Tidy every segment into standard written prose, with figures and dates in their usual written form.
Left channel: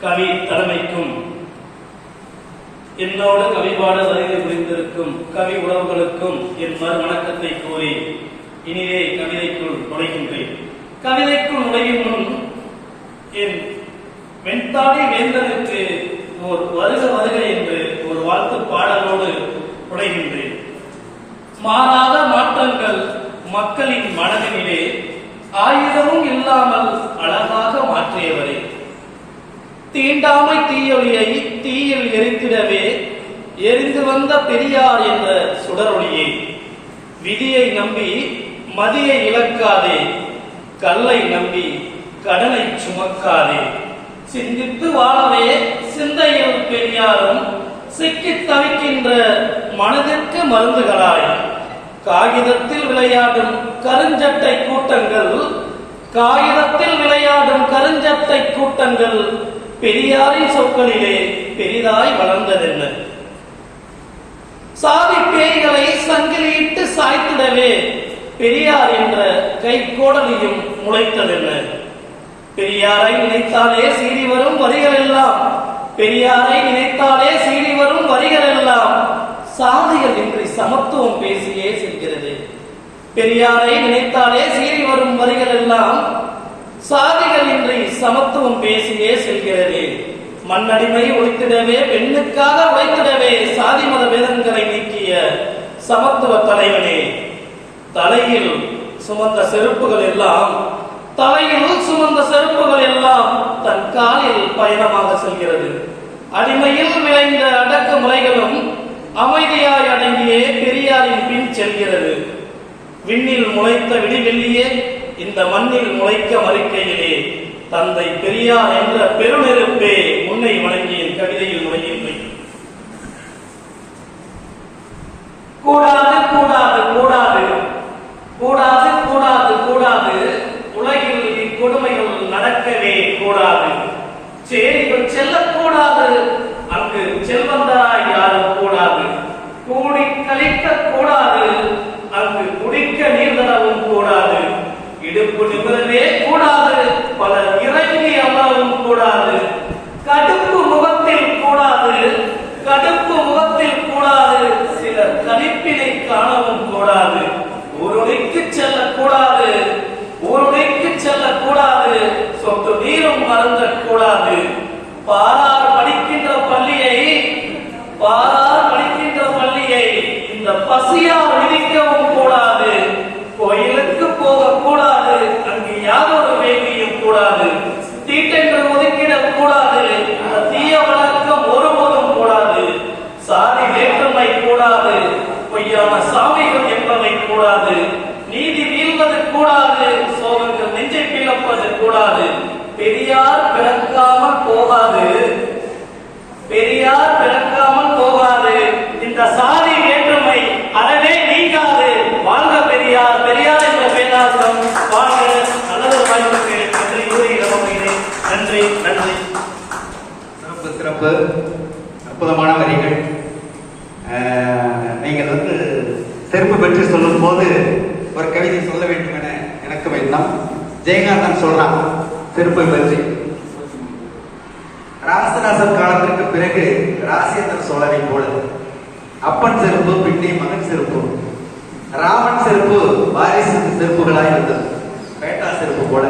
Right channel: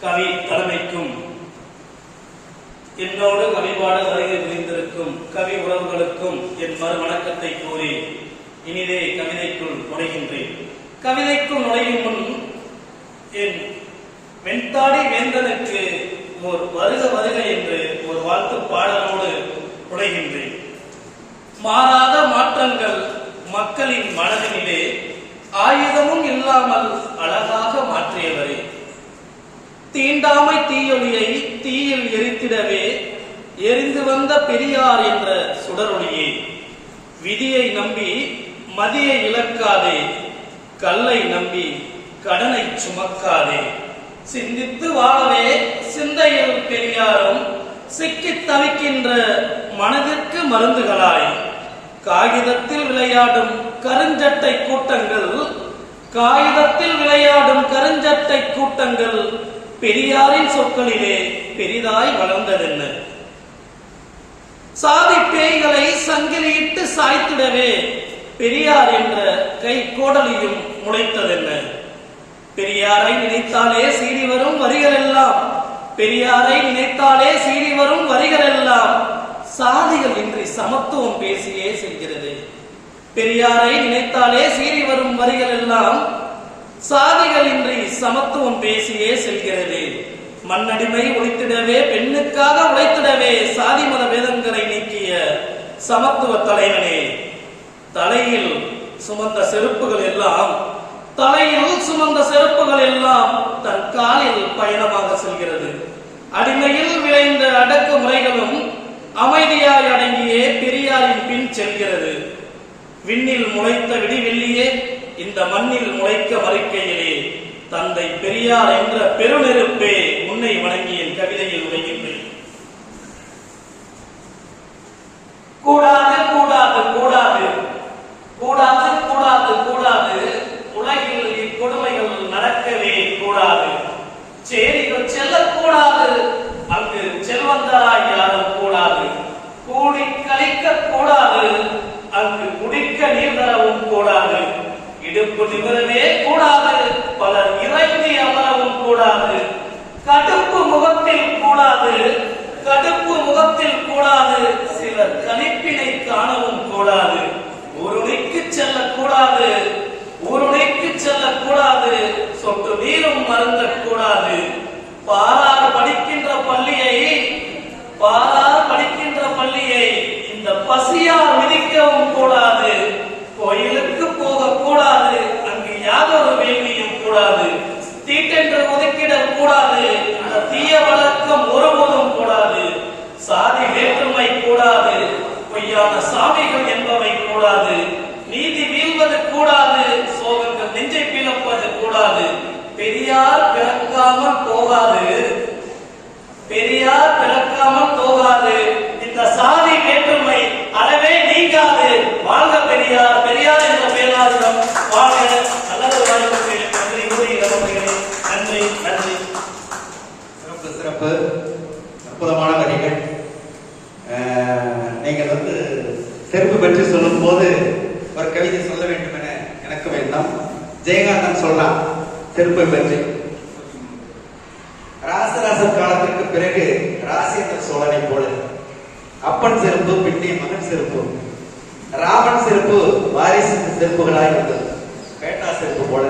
கவி தலைமைக்கும் என்னோடு கவிபாட வருகை புரிந்திருக்கும் கவி உறவுகளுக்கும் என் மறுவணக்கத்தை கூறி இனிதே கவிதைக்குள் நுழைகின்றேன். கவிதைக்குள் நுழையும் முன் என் வெண்தாடி வேந்தனுக்கு ஒரு வருக வருக என்று ஒரு வாழ்த்து பாடலோடு நுழைகின்றேன். மாறாத மாற்றங்கள் மக்களின் மனதிலே ஆயுதமும் இல்லாமல் அழகாக மாற்றியவரே, தீண்டாமை தீயொளியை தீயில் எரித்திடவே எரிந்து வந்த பெரியார் என்ற சுடரொளியை, விதியை நம்பி மதியை இழக்காதே, கல்லை நம்பி கடனை சுமக்காதே, சிந்தித்து வாழவே சிந்தையில் பெரியாரும் சிக்கித் தவிக்கின்ற மனதிற்கு மருந்துகளாய், காகிதத்தில் விளையாடும் கருஞ்சட்டை கூட்டங்கள், காகிதத்தில் விளையாடும் கருஞ்சட்டை கூட்டங்கள் பெரியாரின் சொற்களிலே பெரிதாய் வளர்ந்ததென்ன? சாதி பேய்களை சங்கிலியிட்டு சாய்த்திடவே பெரியார் என்ற கைகோடலியும் முளைத்ததென்ன? பெரியாரை நினைத்தாலே சீறி வரும் வரிகள் எல்லாம், பெரியாரை நினைத்தாலே சீறி வரும் வரிகள் எல்லாம் சாதிகள் இன்றி சமத்துவம் பேசியே செல்கிறது. பெரியாரை நினைத்தாலே சீறி வரும் வரிகள் எல்லாம் சாதிகள் இன்றி சமத்துவம் பேசியே செல்கிறது. மண்ணடிமை ஒழித்திடவே பெண்ணுக்காக உழைத்திடவே சாதி மத வேதங்களை நீக்கிய சமத்துவ தலைவனே, தலையில் சுமந்த செருப்புகள் எல்லாம் தன் காலில் பயணமாக செல்கிறது. அடிமையில் விளைந்த அடக்கு முறைகளும் அமைதியாய் அடங்கியே பெரியாரின் பின் செல்கிறது. விண்ணில் முளைத்த விடிவெள்ளியே இந்த மண்ணில் முளைக்க மறுக்கையிலே தந்தை பெரியார் என்ற பெருநெருப்பே முன்னை வணங்கிய கவிதையில் நுழைகின்றேன். கூடாது கூடாது கூடாது கூடாது கூடாது கூடாது, உலகில் இக்கொடுமைகள் நடக்கவே கூடாது. சேரிகள் செல்லக்கூடாது, அங்கு செல்வந்தராய் யாரும் கூடாது. கூடி கழிக்க கூடாது, அங்கு குடிக்க நீர் தரவும் கூடாது. இடுப்பு நிமிரவே கூடாது, பலர் இறங்கி அமரவும் கூடாது. கடுப்பு முகத்தில் கூடாது, கடுப்பு முகத்தில் கூடாது, சிலர் கணிப்பினை காணவும் கூடாது. ஊருணைக்கு செல்லக்கூடாது, ஊருணைக்கு செல்லக்கூடாது, சொட்டு நீரும் மறந்த கூடாது. பாரார் படிக்கின்ற பள்ளியை இந்த பசியார் விதிக்கவும் கூடாது. கோயிலுக்கு போக கூடாது, அங்கு யாதொரு வேண்டியும் கூடாது. தீட்டென்று ஒதுக்கிடக் கூடாது, இந்த தீய வழக்கம் ஒருபோதும் கூடாது. சாதி வேற்றுமை கூடாது, பொய்யான சாமிகள் என்பவை கூடாது. நீதி வீழ்வது கூடாது, சோகங்கள் நெஞ்சை பிளப்பது கூடாது. பெரியார் பிறக்காமல் போகாது, பெரியார் பிறக்காமல் போகாது. இந்த சாதி வேற்றுமை அறவே நீங்காது. வாழ்க பெரியார், பெரியார் என்ற பேராசிரம் வாழ்க. நல்லது வாய்ப்பு நன்றி கூறி கவனிக்கிறேன். நன்றி நன்றி. சிறப்பு சிறப்பு, அற்புதமான வரிகள். நீங்கள் செருப்பு பற்றி சொல்லும் போது ஒரு கவிதை சொல்ல வேண்டும் என எனக்கு எண்ணம். ஜெயகாந்தன் சொல்றான் செருப்பை பற்றி. ராசராசர் காலத்திற்கு பிறகு ராசேந்திர சோழனை போல அப்பன் செருப்பு பின்னே மகன் செருப்பு, ராமன் செருப்பு வாரிசு செருப்புகளாய் இருந்தது. பேட்டா செருப்பு போல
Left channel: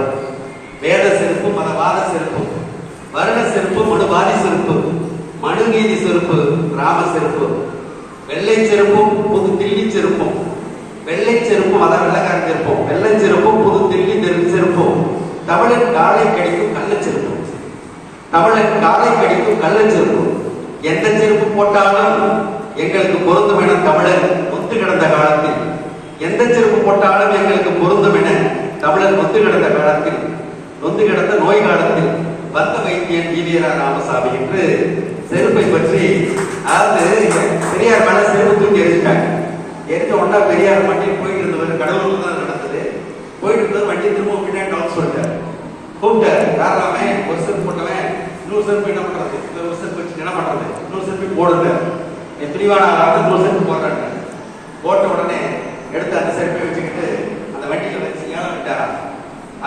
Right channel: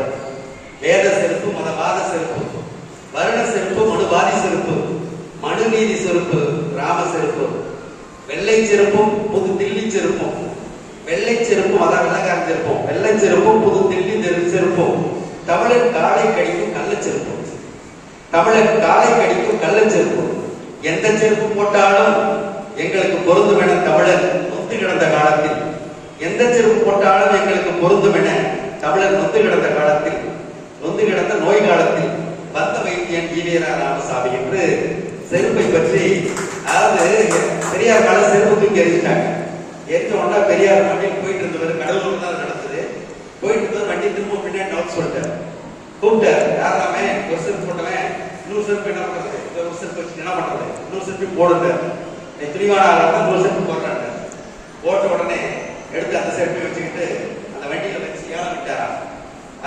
வேத செருப்பு, மதவாத செருப்பு, வருண செருப்பு, மனுவாதி செருப்பு, மனுநீதி செருப்பு, ராம செருப்பு, வெள்ளை செருப்பும் புது தில்லி செருப்பும், வெள்ளை செருப்பும் அதான் வெள்ளக்கார செருப்பும், வெள்ளை செருப்பும் புது தில்லி செருப்பும், தமிழன் காலை கடிக்கும் கள்ள செருப்பும், தமிழன் காலை கடிக்கும் கள்ள செருப்பும். எந்த செருப்பு போட்டாலும் எங்களுக்கு பொருந்தும் என தமிழர் நொந்து கிடந்த காலத்தில், எந்த செருப்பு போட்டாலும் எங்களுக்கு பொருந்தும் என தமிழர் நொந்து கிடந்த காலத்தில், நொந்து கிடந்த நோய் காலத்தில் வந்த வைத்தியன் ஈவேரா ராமசாமி என்று செருப்பை பற்றி, அதாவது பெரியார் மேல செருப்பு தூக்கி எரிஞ்சிட்டாங்க. எரிஞ்ச உடனே பெரியார் வண்டியில் போயிட்டு இருந்தவர், கடவுள் தான் நடந்தது. போயிட்டு இருந்தவர் வண்டி திரும்ப பின்னாடி டவுன் சொல்லிட்டார். கூப்பிட்டார், யாராமே ஒரு செருப்பு போட்டவன் இன்னொரு செருப்பு என்ன பண்றது, ஒரு செருப்பு வச்சு என்ன பண்றது, இன்னொரு செருப்பு போடுங்க, தெளிவான இன்னொரு செருப்பு போடுறாங்க. போட்ட உடனே எடுத்து அந்த செருப்பை வச்சுக்கிட்டு அந்த வண்டியில வச்சு ஏழை விட்டாரா.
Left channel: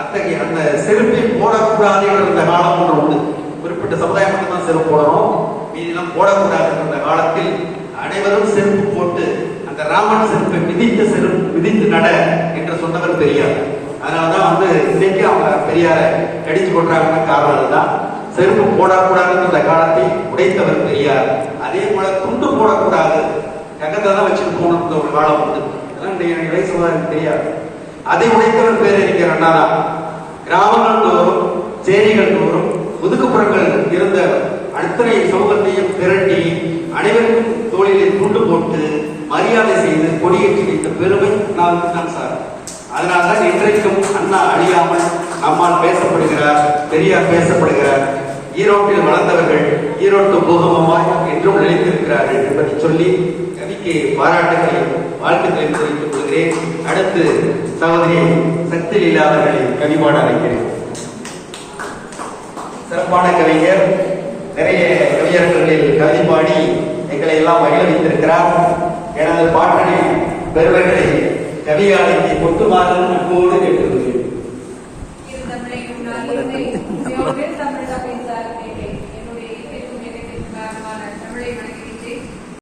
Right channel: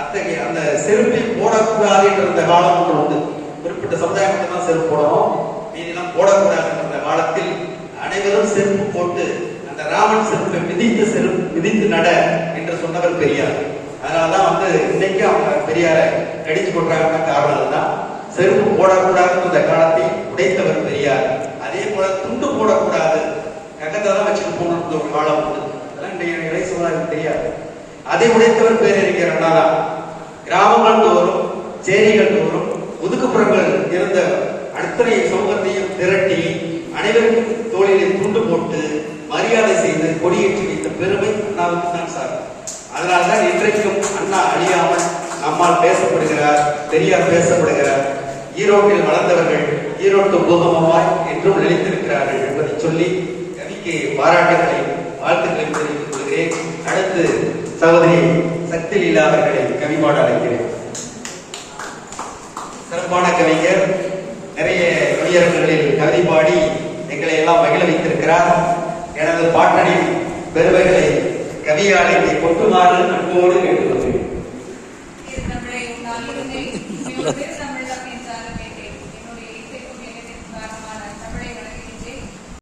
அத்தகைய அந்த செருப்பை போடக்கூடாது என்ற காலம் ஒன்று உண்டு. குறிப்பிட்ட குறிப்பிட்ட சமுதாயம் மட்டும்தான் செருப்பு போடணும், மீதிலாம் போடக்கூடாது என்ற காலத்தில் அனைவரும் செருப்பு போட்டு அந்த ராமன் செருப்பை மிதித்து நட என்று சொன்னவர் பெரியார். அதனாலதான் இன்னைக்கு அவங்க பெரியாரை கடிச்சு கொண்டாங்கன்னா காரணம் அதுதான். செருப்பு போடக்கூடாதுன்னு அந்த காலத்தை உடைத்தவர் பெரியார். அதே போல துண்டு போடக்கூடாது, நகத்தை தான் வச்சுட்டு போகணும் ஒரு காலம் உண்டு. அதெல்லாம் இளைய சமுதாயம் தெரியாது. அதை உடைத்தவர் பேரறிஞர் அண்ணா தான். கிராமங்கள் தோறும் சேரிகள் தோறும் ஒதுக்குப்புறங்கள் இருந்த அத்தனை சமூகத்தையும் திரட்டி அனைவருக்கும் தோளிலே துண்டு போட்டு மரியாதை செய்து கொடியேற்றி வைத்த பெருமை அண்ணாவுக்கு தான் சார். அதனால்தான் இன்றைக்கும் அண்ணா அழியாமல் நம்மால் பேசப்படுகிறார், பெரியார் பேசப்படுகிறார். ஈரோட்டில் வளர்ந்தவர்கள் ஈரோட்டு பூகம்பமாய் என்றும் நிலைத்திருக்கிறார்கள் என்பதை சொல்லி கவிக்கு பாராட்டுகளை வாழ்த்துக்களை தெரிவித்துக் கொள்கிறேன். அடுத்து சகோதரி சக்தி லீலா அவர்களை கவிபாட அழைக்கிறேன். சிறப்பான கவிஞர், நிறைய கவியரங்களில் கவிதை பாடி எங்களை எல்லாம் மகிழ வைத்திருக்கிறார். எனது பாட்டனின் பெருமைகளை கவியாளத்தை கொட்டுமாறு அன்போடு கேட்டுக்கொள்கிறேன்.